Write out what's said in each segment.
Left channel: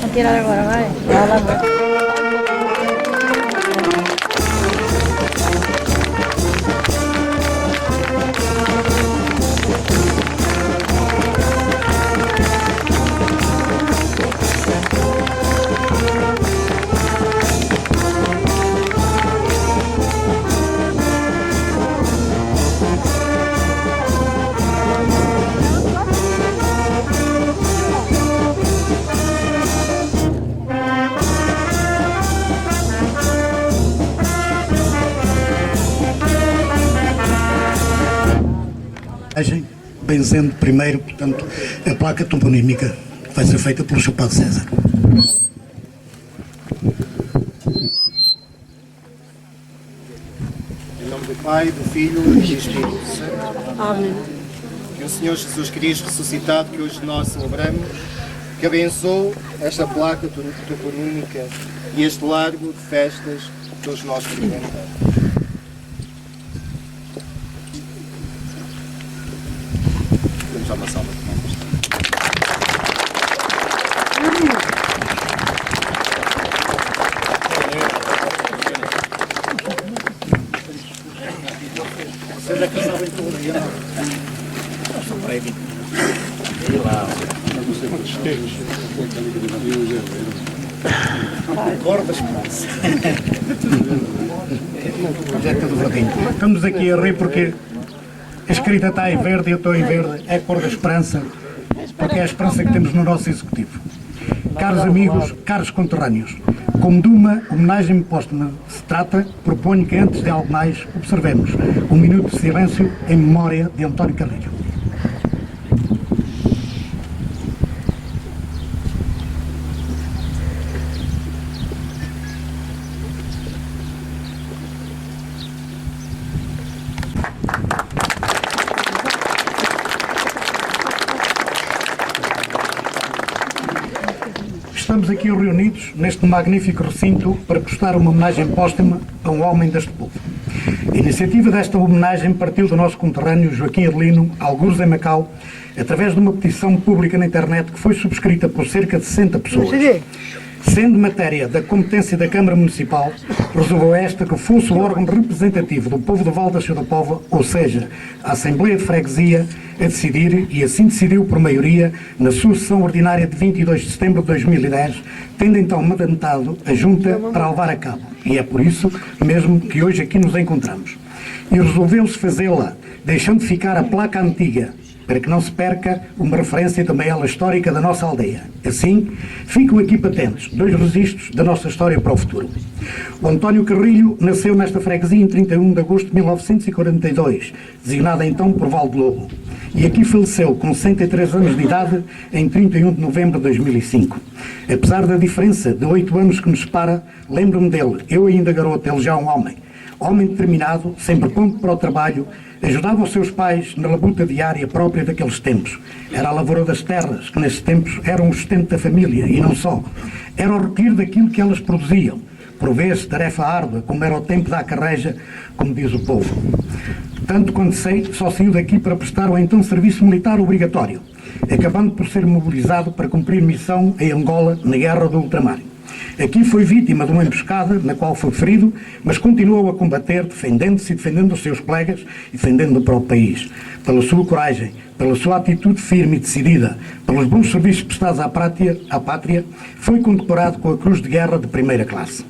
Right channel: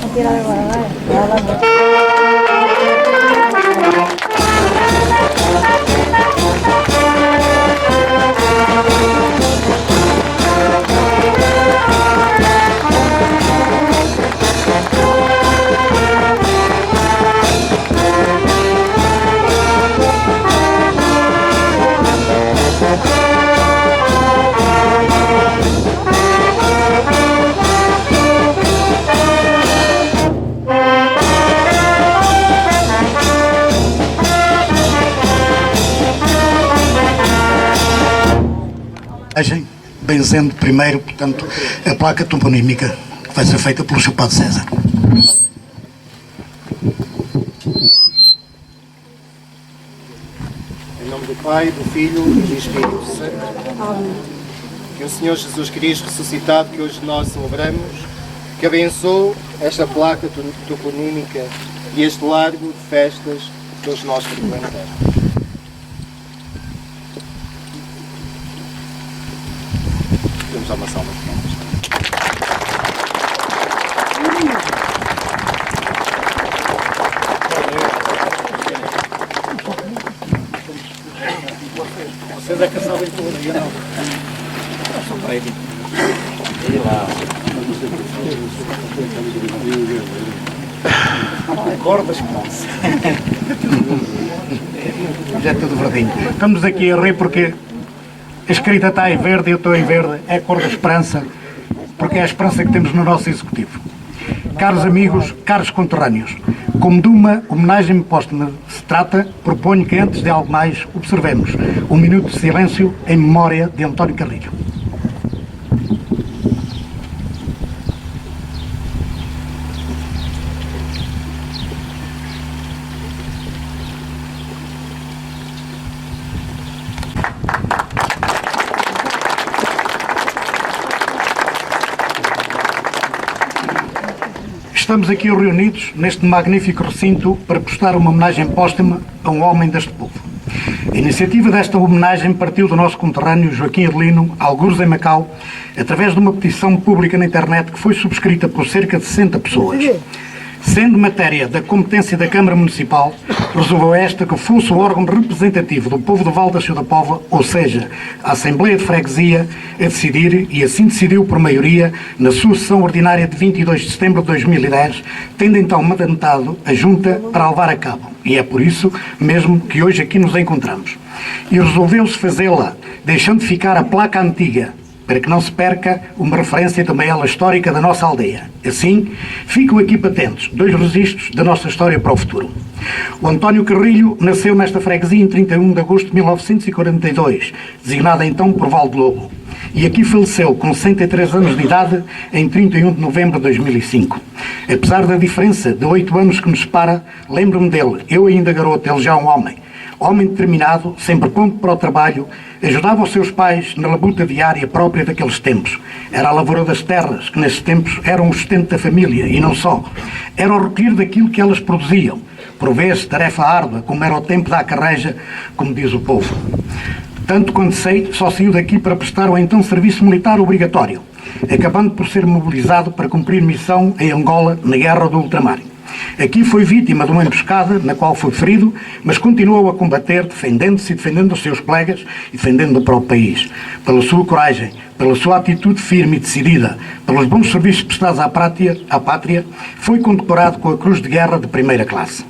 Vou tirar agora, vai. Vai lá, benzendo primeiro, portanto, a placa toponímica que vai ser feita pelo Sr. Padre César. Em nome do Pai, do Filho e do Espírito Santo. Amém. Que o Senhor Jesus Cristo ressuscitado, que hoje nós celebramos, que abençoe esta placa toponímica e este largo de festas que todos nós frequentamos. Temos uma salva de palmas. Vocês é que sabem tudo, eu não. Eu sou prévio. E lá. Cordas, passa. Já é tudo verdinho. Estamos aqui a rir porque a escrita está em verde, eu estou em verde, é a cor da esperança, porque é a esperança que temos no nosso Executivo. Caros amigos, caros conterrâneos, como de uma homenagem póstuma se trata, proponho que antes de algo mais observemos um minuto de silêncio em memória de António Carrilho. Estamos aqui reunidos neste magnífico recinto para prestar uma homenagem póstuma a um homem deste povo. A iniciativa desta homenagem partiu do nosso conterrâneo Joaquim Adelino, algures em Macau, através de uma petição pública na internet que foi subscrita por cerca de 60 pessoas. Sendo matéria da competência da Câmara Municipal, resolveu esta que fosse o órgão representativo do povo do Val da Ciudad da Póvoa, ou seja, a Assembleia de Freguesia, a decidir, e assim decidiu por maioria, na sua sessão ordinária de 22 de setembro de 2010, tendo então mandatado a Junta para a levar a cabo. E é por isso mesmo que hoje aqui nos encontramos. E resolveu-se fazê-la, deixando de ficar a placa antiga, para que não se perca uma referência também ela histórica da nossa aldeia. Assim, ficam aqui patentes dois registros da nossa história para o futuro. O António Carrilho nasceu nesta freguesia em 31 de agosto de 1942, designada então por Val de Lobo, e aqui faleceu com 63 anos de idade em 31 de novembro de 2005. Apesar da diferença de 8 anos que nos separa, lembro-me dele, eu ainda garoto, ele já um homem determinado, sempre pronto para o trabalho, ajudava os seus pais na labuta diária própria daqueles tempos. Era a lavoura das terras, que nesses tempos eram o sustento da família, e não só. Era o recolher daquilo que elas produziam. Por vezes, tarefa árdua, como era o tempo da carreja, como diz o povo. Tanto quanto sei, só saiu daqui para prestar o então serviço militar obrigatório, acabando por ser mobilizado para cumprir missão em Angola, na Guerra do Ultramar. Aqui foi vítima de uma emboscada, na qual foi ferido, mas continuou a combater, defendendo-se e defendendo os seus colegas e defendendo o próprio país. Pela sua coragem, pela sua atitude firme e decidida, pelos bons serviços prestados à pátria, foi condecorado com a Cruz de Guerra de primeira classe.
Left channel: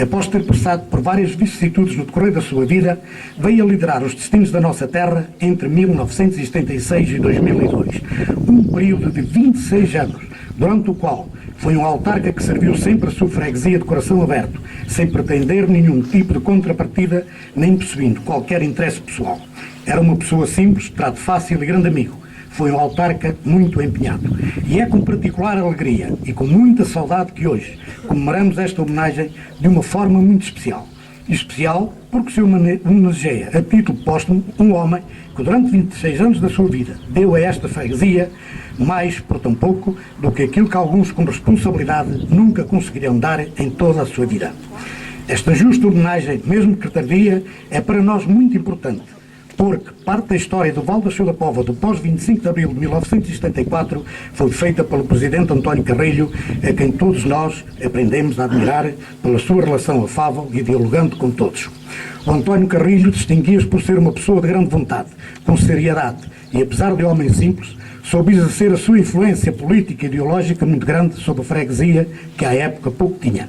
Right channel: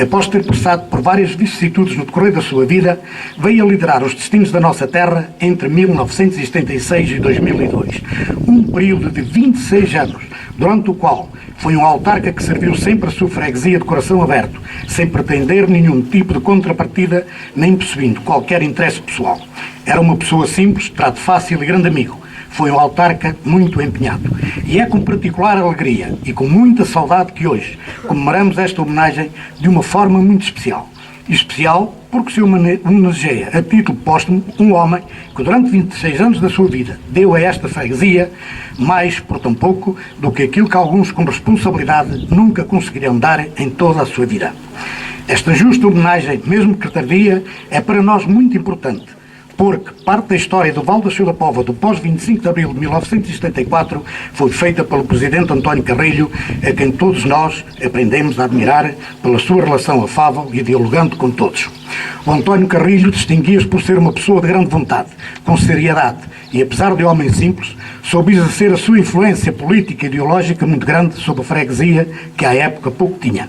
Após ter passado por várias vicissitudes no decorrer da sua vida, veio a liderar os destinos da nossa terra entre 1976 e 2002. Um período de 26 anos, durante o qual foi um autarca que serviu sempre a sua freguesia de coração aberto, sem pretender nenhum tipo de contrapartida, nem possuindo qualquer interesse pessoal. Era uma pessoa simples, trato fácil e grande amigo. Foi um autarca muito empenhado. E é com particular alegria e com muita saudade que hoje comemoramos esta homenagem de uma forma muito especial. Especial porque se homenageia a título póstumo um homem que durante 26 anos da sua vida deu a esta freguesia mais por tão pouco do que aquilo que alguns com responsabilidade nunca conseguirão dar em toda a sua vida. Esta justa homenagem, mesmo que tardia, é para nós muito importante, porque parte da história do Val da Shoa da Póvoa do pós-25 de abril de 1974 foi feita pelo presidente António Carrilho, a quem todos nós aprendemos a admirar pela sua relação afável e dialogante com todos. O António Carrilho distinguia-se por ser uma pessoa de grande vontade, com seriedade e, apesar de homem simples, soube exercer a sua influência política e ideológica muito grande sobre a freguesia que à época pouco tinha.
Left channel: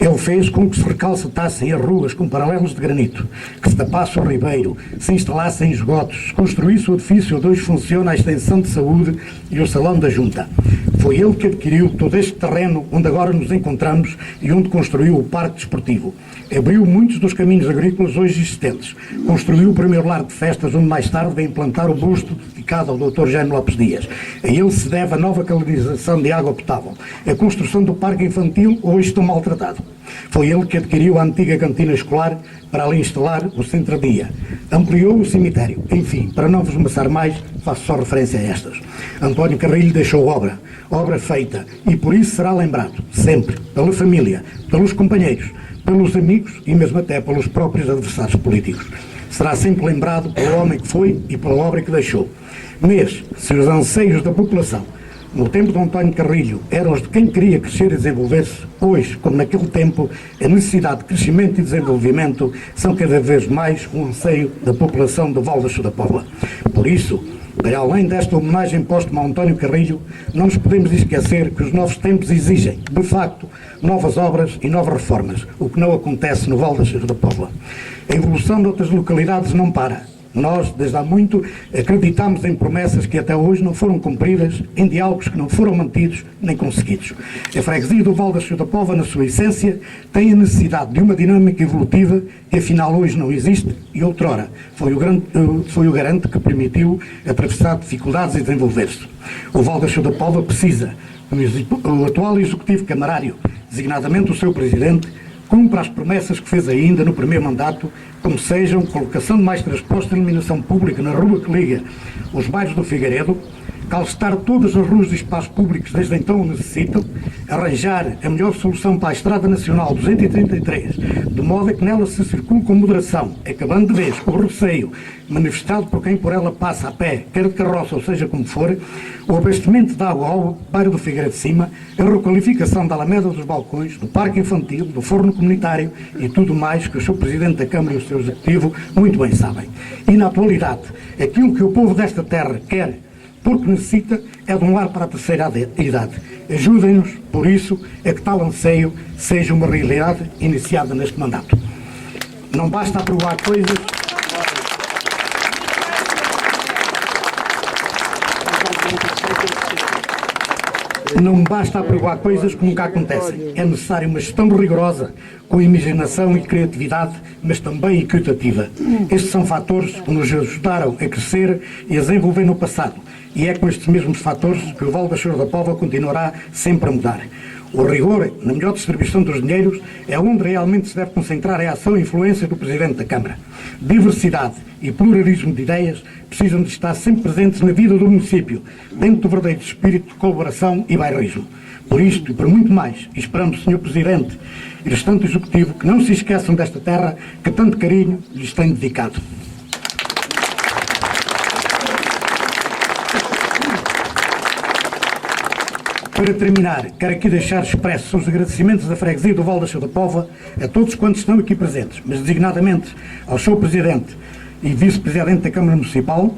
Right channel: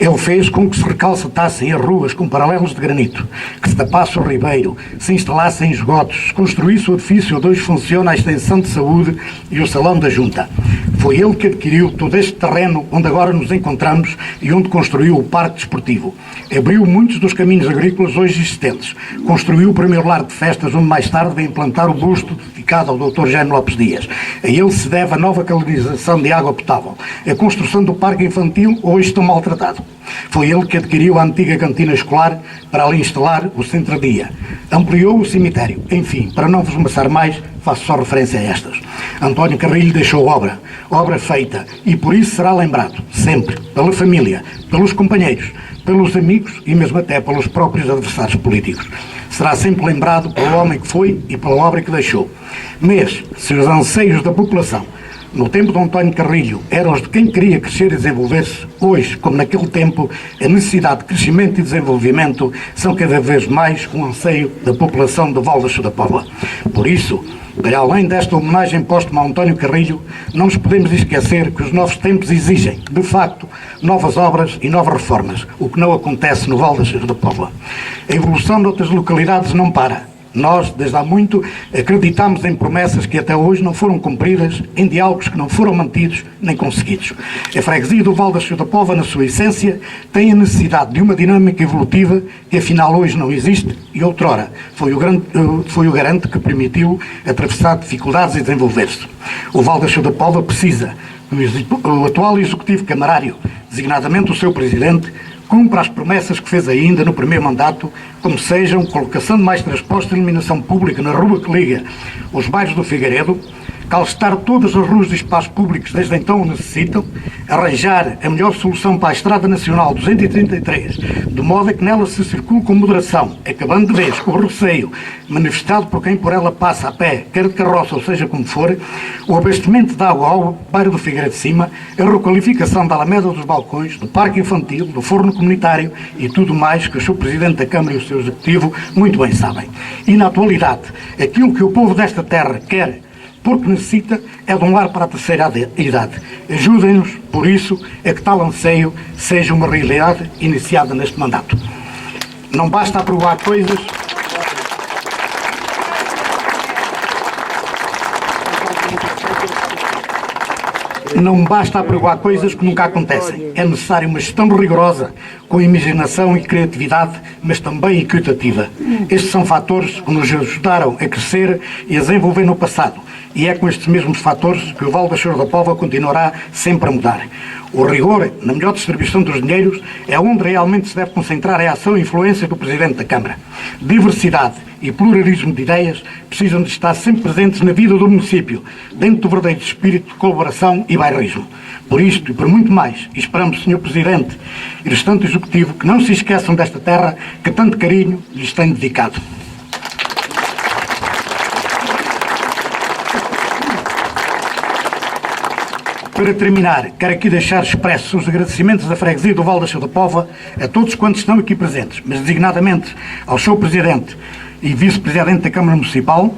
Ele fez com que se recalcetassem as ruas com paralelos de granito, que se tapasse o ribeiro, se instalassem esgotos, se construísse o edifício onde hoje funciona a extensão de saúde e o salão da junta. Foi ele que adquiriu todo este terreno onde agora nos encontramos e onde construiu o parque desportivo. Abriu muitos dos caminhos agrícolas hoje existentes. Construiu o primeiro lar de festas onde mais tarde veio implantar o busto dedicado ao Dr. Jânio Lopes Dias. A ele se deve a nova canalização de água potável, a construção do parque infantil hoje tão maltratado. Foi ele que adquiriu a antiga cantina escolar para ali instalar o centro-dia. Ampliou o cemitério. Enfim, para não vos amassar mais, faço só referência a estas. António Carrilho deixou obra feita, e por isso será lembrado, sempre, pela família, pelos companheiros, pelos amigos e mesmo até pelos próprios adversários políticos. Será sempre lembrado pelo homem que foi e pela obra que deixou. Mas, se os anseios da população no tempo de António Carrilho eram os de quem queria crescer e desenvolver-se, hoje, como naquele tempo, a necessidade de crescimento e desenvolvimento são cada vez mais um anseio da população do Val da Shoa da Póvoa. Por isso, para além desta homenagem póstuma a António Carrilho, não nos podemos esquecer que os novos tempos exigem, de facto, novas obras e novas reformas, o que não acontece no Val da Shoa da Póvoa. A evolução de outras localidades não para. Nós, desde há muito, acreditamos em promessas que até hoje não foram cumpridas, em diálogos que não foram mantidos nem conseguidos. A freguesia do Val da Shoa da Póvoa, na sua essência, tem a necessidade de uma dinâmica evolutiva que afinal hoje não existe e outrora foi o garante que permitiu atravessar dificuldades e desenvolver-se. O Val da Shoa da Póvoa precisa que o atual Executivo Camarário, designadamente o seu Presidente, cumpra as promessas que fez ainda no primeiro mandato, como sejam colocação de mais transportes de iluminação pública na rua que liga os bairros do Figueiredo, calcetar todas as ruas e espaços públicos desde então o necessitam, arranjar a melhor solução para a Estrada Nacional 233, de modo a que nela se circule com moderação, acabando de vez com o receio manifestado por quem por ela passa a pé, quer de carroça ou seja como for, o abastecimento de água ao bairro do Figueiredo de Cima, a requalificação da Alameda dos Balcões, do Parque Infantil, do Forno Comunitário e tudo mais que o seu Presidente da Câmara e o seu Executivo muito bem sabem. E na atualidade, aquilo que o povo desta terra quer, porque necessita, é de um lar para a terceira idade. Ajudem-nos, por isso, a que tal anseio seja uma realidade iniciada neste mandato. Não basta aprovar coisas... Não basta aprovar coisas que nunca acontecem. É necessário uma gestão rigorosa, com imaginação e criatividade, mas também equitativa. Estes são fatores que nos ajudaram a crescer e a desenvolver no passado. E é com estes mesmos fatores que o Val da Shoa da Póvoa continuará sempre a mudar. O rigor na melhor distribuição dos dinheiros é onde realmente se deve concentrar a ação e influência do Presidente da Câmara. Diversidade e pluralismo de ideias precisam de estar sempre presentes na vida do município, dentro do verdadeiro espírito de colaboração e bairrismo. Por isto e por muito mais, esperamos, Sr. Presidente e restante Executivo, que não se esqueçam desta terra que tanto carinho lhes tem dedicado. Para terminar, quero aqui deixar expressos os agradecimentos da freguesia do Val da Shoa da Póvoa a todos quantos estão aqui presentes, mas designadamente ao seu Presidente e Vice-Presidente da Câmara Municipal,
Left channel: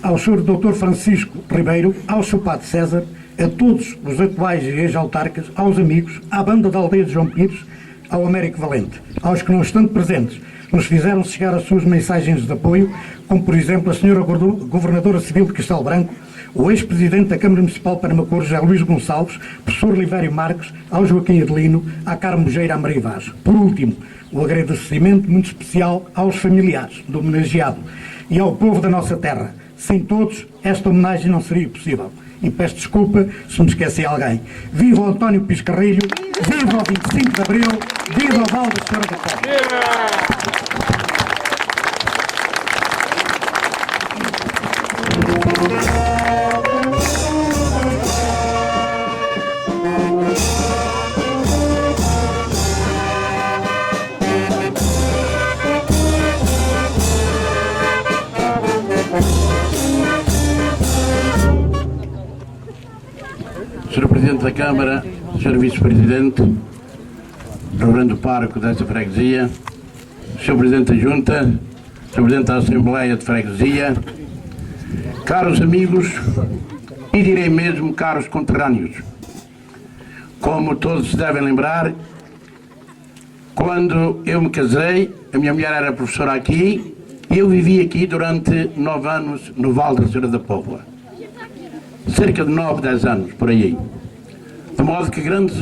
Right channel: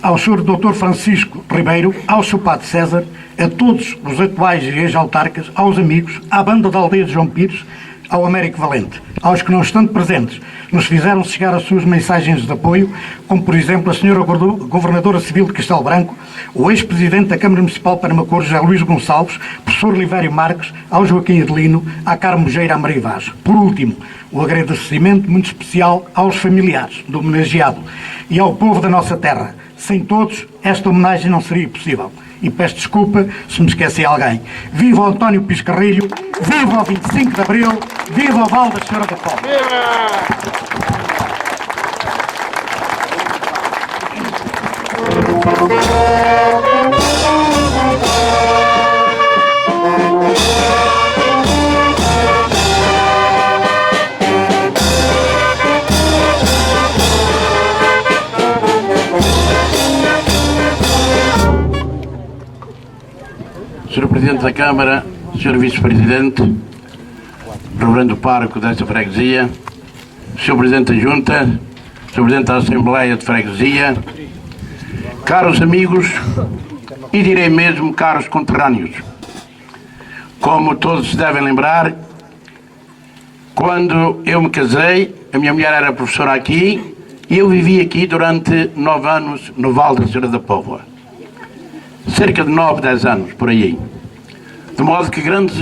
ao Sr. Dr. Francisco Ribeiro, ao Sr. Padre César, a todos os atuais e ex-autarcas, aos amigos, à banda da aldeia de João Pires, ao Américo Valente, aos que não estando presentes, nos fizeram chegar as suas mensagens de apoio, como por exemplo a Sra. Governadora Civil de Castelo Branco, o ex-presidente da Câmara Municipal de Parmacor, José Luís Gonçalves, professor Livério Marques, ao Joaquim Adelino, à Carmo Geira, à Maria Vaz. Por último, o agradecimento muito especial aos familiares do homenageado e ao povo da nossa terra. Sem todos, esta homenagem não seria possível. E peço desculpa se me esqueci alguém. Viva o António Pires Carrilho, viva o 25 de Abril, viva o Val da Shoa da Póvoa. Sr. Presidente da Câmara, Sr. Vice-Presidente, Reverendo Pároco desta freguesia, Sr. Presidente da Junta, Sr. Presidente da Assembleia de Freguesia, caros amigos e direi mesmo caros conterrâneos. Como todos se devem lembrar, quando eu me casei, a minha mulher era professora aqui e eu vivi aqui durante 9 anos no Val da Senhora da Póvoa. Cerca de 9, 10 anos, por aí. De modo que grandes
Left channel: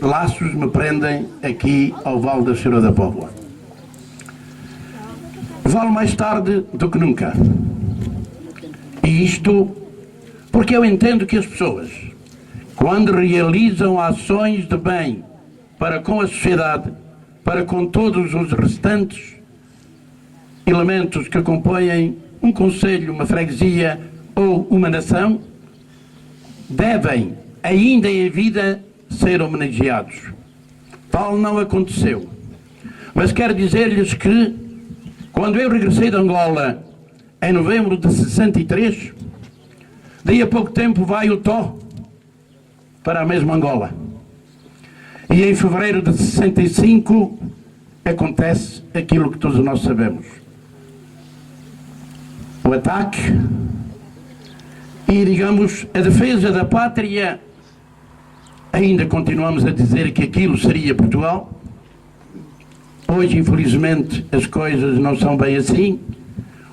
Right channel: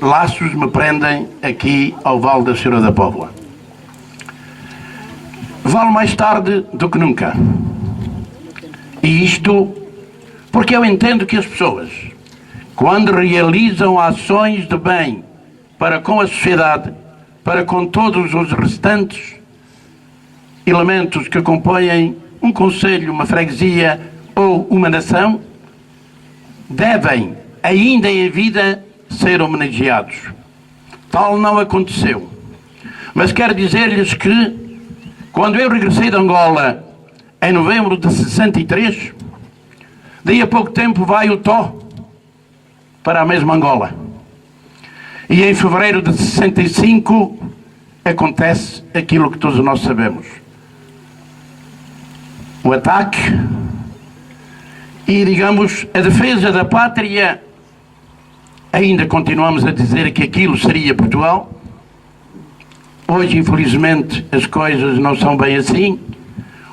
laços me prendem aqui ao Val da Senhora da Póvoa. Vale mais tarde do que nunca. E isto porque eu entendo que as pessoas, quando realizam ações de bem para com a sociedade, para com todos os restantes elementos que compõem um concelho, uma freguesia ou uma nação, devem, ainda em vida, ser homenageados. Tal não aconteceu. Mas quero dizer-lhes que, quando eu regressei de Angola, em novembro de 63, daí a pouco tempo vai o Tó para a mesma Angola. E em fevereiro de 65 acontece aquilo que todos nós sabemos. O ataque e, digamos, a defesa da pátria. Ainda continuamos a dizer que aquilo seria Portugal. Hoje, infelizmente, as coisas não são bem assim.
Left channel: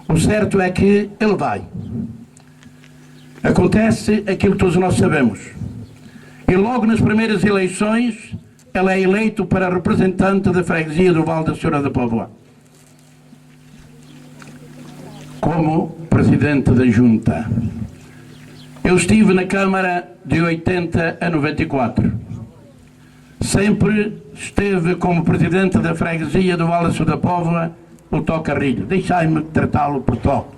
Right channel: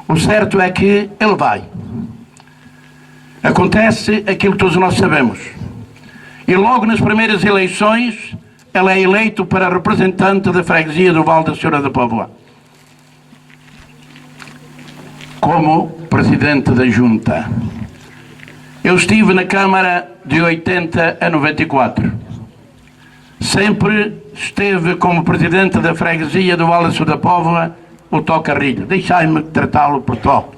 O certo é que ele vai. Acontece aquilo que todos nós sabemos. E logo nas primeiras eleições, ele é eleito para representante da freguesia do Val da Senhora da Póvoa, como presidente da Junta. Eu estive na Câmara de 80 a 94. Sempre esteve como presidente da freguesia do Val da Senhora da Póvoa o Tó Carrilho. Deixai-me tratá-lo por Tó.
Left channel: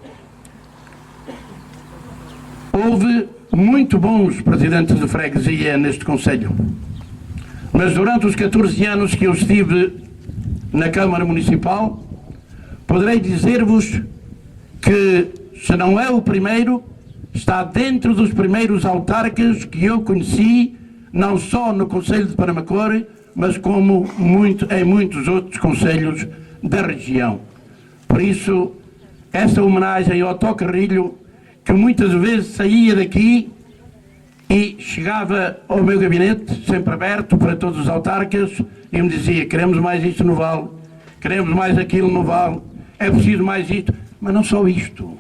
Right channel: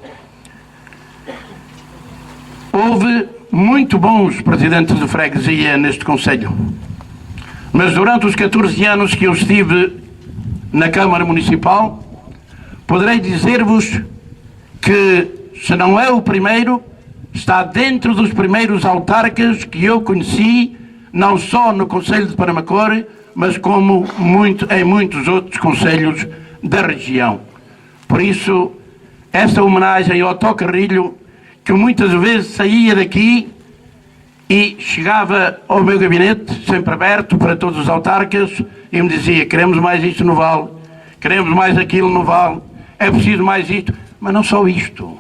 Houve muito bons presidentes de freguesia neste concelho. Mas durante os 14 anos que eu estive na Câmara Municipal, poderei dizer-vos que, se não é o primeiro, está dentro dos primeiros autarcas que eu conheci, não só no Concelho de Paramacor, mas como em muitos outros concelhos da região. Por isso, esta homenagem ao Tó Carrilho, que muitas vezes saía daqui e chegava ao meu gabinete, sempre aberto para todos os autarcas, e me dizia: queremos mais isto no Val, queremos mais aquilo no Val, é preciso mais isto. Mas não só isto,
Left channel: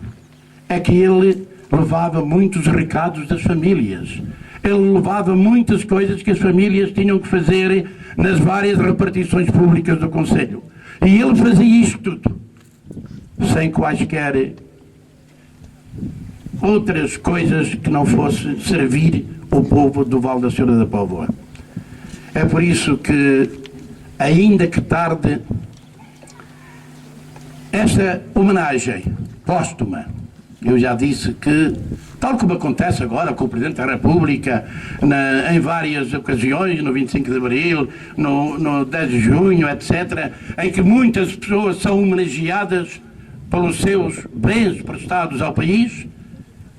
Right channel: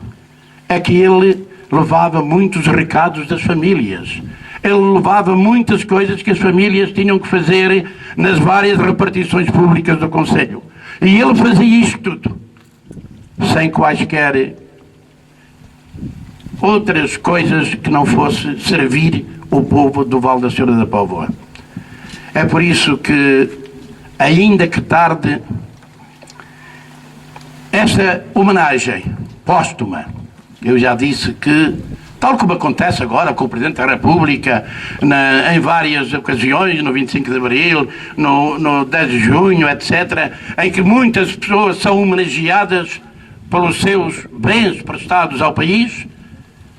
é que ele levava muitos recados das famílias. Ele levava muitas coisas que as famílias tinham que fazer nas várias repartições públicas do Concelho. E ele fazia isto tudo, sem quaisquer outras coisas que não fosse servir o povo do Val da Senhora da Póvoa. É por isso que, ainda que tarde, esta homenagem póstuma, eu já disse que, tal como acontece agora com o Presidente da República, em várias ocasiões, no 25 de Abril, no 10 de Junho, etc., em que muitas pessoas são homenageadas pelos seus bens prestados ao país,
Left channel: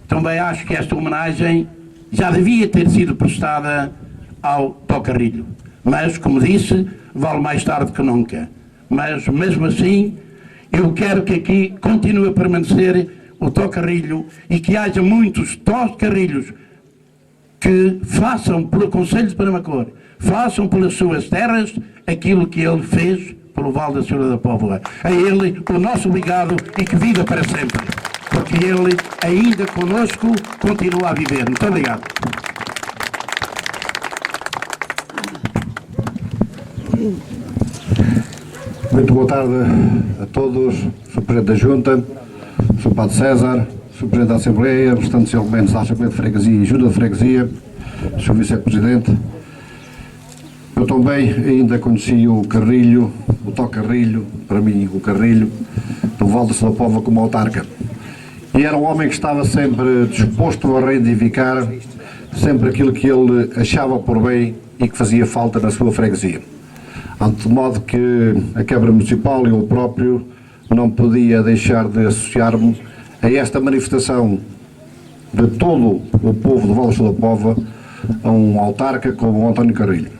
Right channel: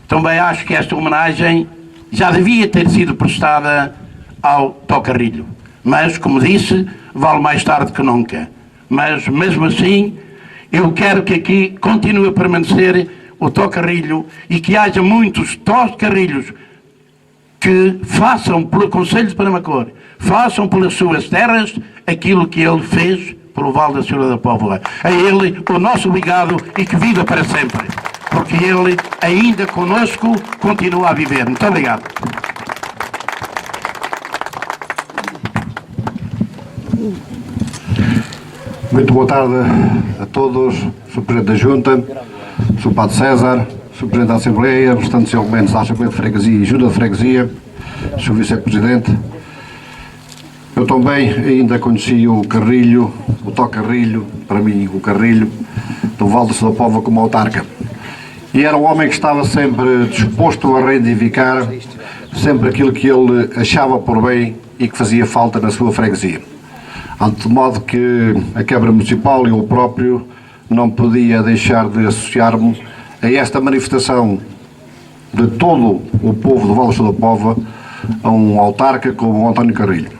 também acho que esta homenagem já devia ter sido prestada ao Tó Carrilho. Mas, como disse, vale mais tarde que nunca. Mas, mesmo assim, eu quero que aqui continue a permanecer o Tó Carrilho e que haja muitos Tó Carrilhos que façam pelo Concelho de Paramacor, façam pelas suas terras aquilo que ele fez pelo Val da Senhora da Póvoa. A ele o nosso obrigado e que viva para sempre, porque ele ainda conosco continua a viver. Muito obrigado. Muito boa tarde a todos, Sr. Presidente da Junta, Sr. Padre César, Sr. Presidente da Assembleia, restantes elementos da Assembleia de Freguesia e Junta de Freguesia, Sr. Vice-Presidente. Eu também ainda conheci o Carrilho, o Tó Carrilho, para mim o Carrilho, do Val da Senhora da Póvoa como autarca. E era um homem que estava sempre disposto a reivindicar sempre aquilo que ele achava por bem e que fazia falta na sua freguesia. De modo que a Câmara Municipal e eu próprio não podia deixar de associar-me a esta manifestação de todo o povo do Val da Pova a um autarca como o António Carrilho.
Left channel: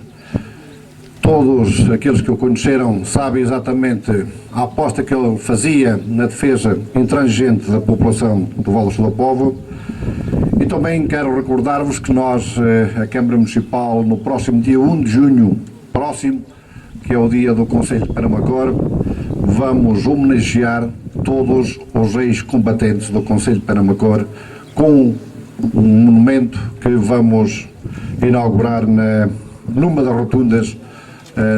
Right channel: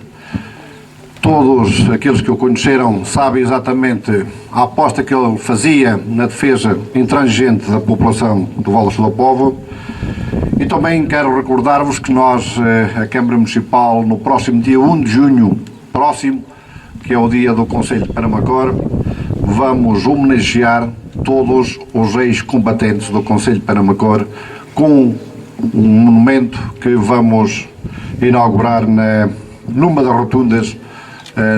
Todos aqueles que o conheceram sabem exatamente a aposta que ele fazia na defesa intransigente da população do Val da Pova. E também quero recordar-vos que nós, a Câmara Municipal, no próximo dia 1 de junho, que é o dia do Conselho de Penamacor, vamos homenagear todos os ex-combatentes do Conselho de Penamacor com um monumento que vamos inaugurar numa das rotundas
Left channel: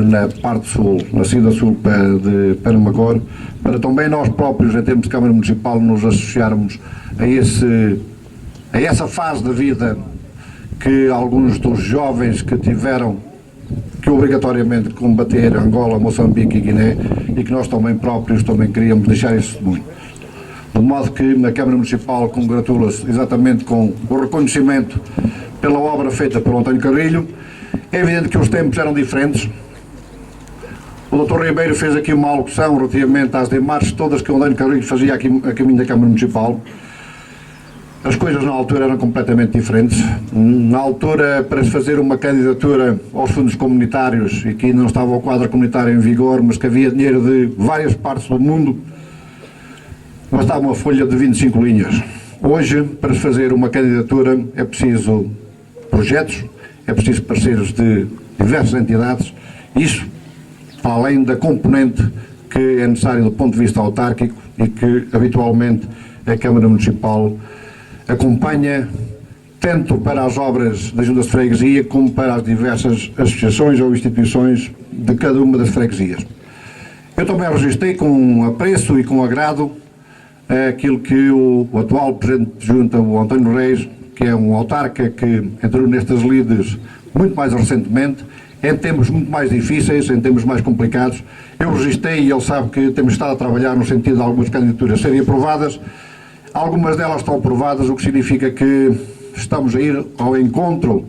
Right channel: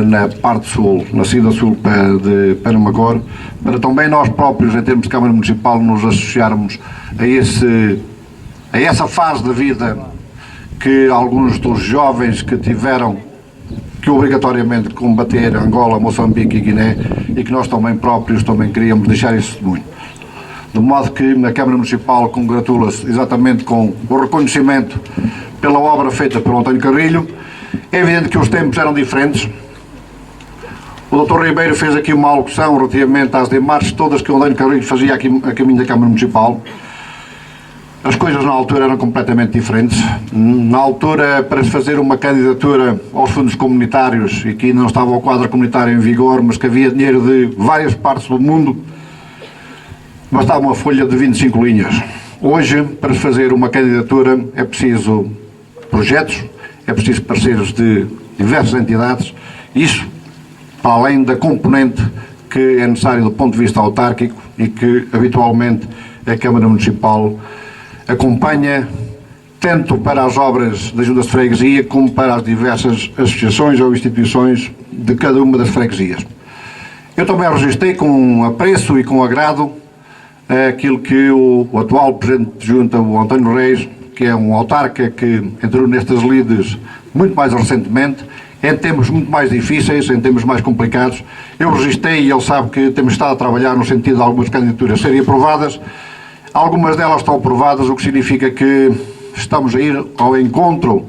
na parte sul, na saída sul de Penamacor, para também nós próprios, em termos de Câmara Municipal, nos associarmos a essa fase da vida que alguns dos jovens que tiveram que obrigatoriamente combater Angola, Moçambique e Guiné, e que nós também próprios também queríamos deixar esse testemunho. De modo que a Câmara Municipal congratula-se exatamente com o reconhecimento pela obra feita pelo António Carrilho. É evidente que os tempos eram diferentes. O Dr. Ribeiro fez aqui uma alocução relativamente às demarches todas que o António Carrilho fazia aqui a caminho da Câmara Municipal. As coisas na altura eram completamente diferentes. Na altura, para se fazer uma candidatura aos fundos comunitários, e que ainda não estava o quadro comunitário em vigor, mas que havia dinheiro de várias partes do mundo, bastava uma folha de 25 linhas. Hoje, para se fazer uma candidatura, é preciso projetos, é preciso parceiros de diversas entidades, isso para além da componente que é necessária do ponto de vista autárquico e que habitualmente a Câmara Municipal acompanha tanto para as obras das juntas de freguesia como para as diversas associações ou instituições de cada uma das freguesias. Eu também registrei com apreço e com agrado aquilo que o atual Presidente de Junta, o António Reis, que é um autarca que entrou nestas lides muito mais recentemente, em tempos muito mais difíceis, em tempos mais complicados. Eu registrei e ele sabe que temos estado a trabalhar no sentido de algumas candidaturas serem aprovadas. Algumas delas estão aprovadas, o que significa que estamos a ir ao encontro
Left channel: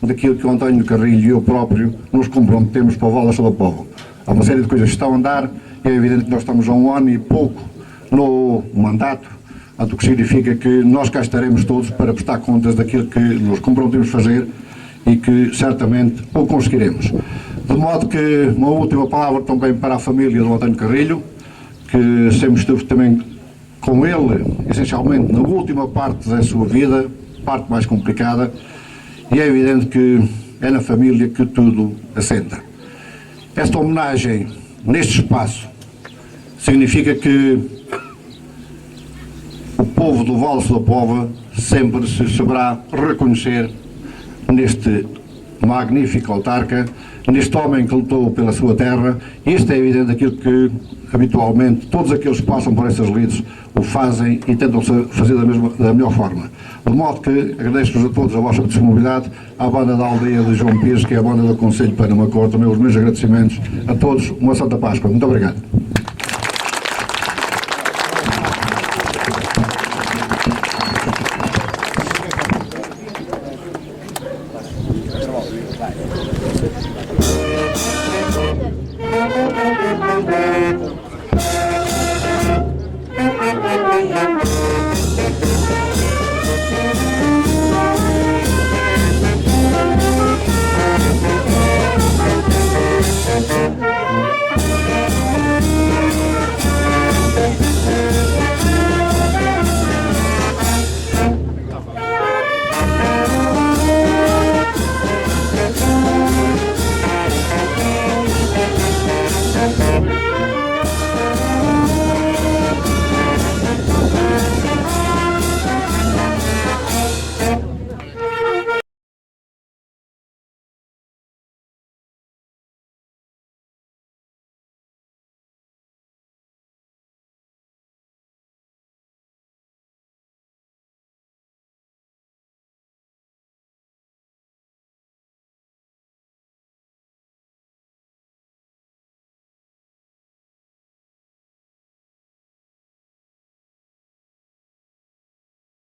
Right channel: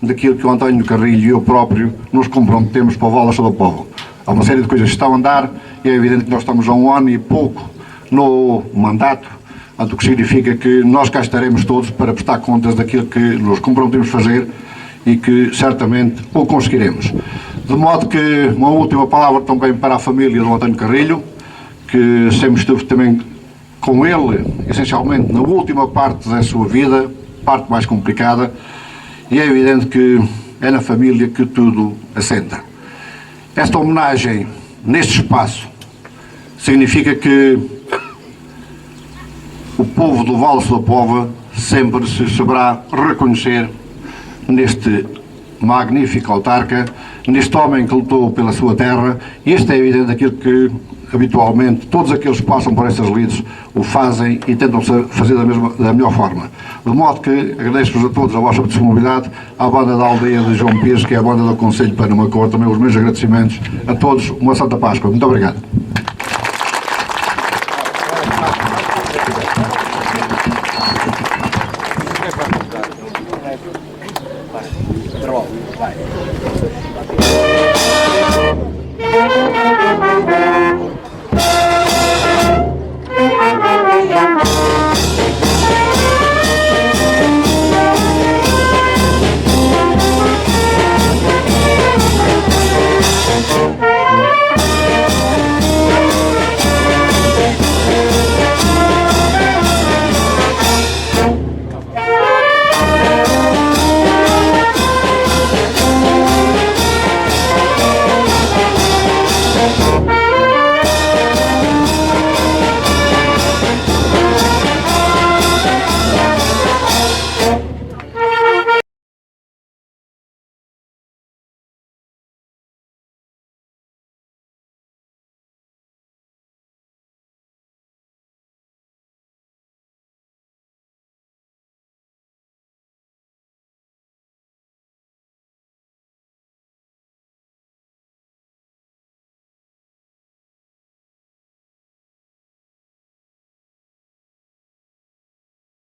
daquilo que o António Carrilho e eu próprio nos comprometemos para o Val da Pova. Há uma série de coisas que estão a andar e é evidente que nós estamos há um ano e pouco no mandato, o que significa que nós cá estaremos todos para prestar contas daquilo que nos comprometemos fazer e que certamente o conseguiremos. De modo que uma última palavra também para a família do António Carrilho, que sempre estive também com ele, essencialmente na última parte da sua vida, parte mais complicada, e é evidente que é na família que tudo assenta. Esta homenagem, neste espaço, significa que o povo do Val da Pova sempre se saberá reconhecer neste magnífico autarca, neste homem que lutou pela sua terra, e este é evidente aquilo que habitualmente todos aqueles que passam por estas lides o fazem e tentam fazer da melhor forma. De modo que agradeço-vos a todos a vossa disponibilidade, à banda da aldeia de João Pires, que é a banda do Conselho de Penamacor, também os meus agradecimentos a todos, uma Santa Páscoa. Muito obrigado.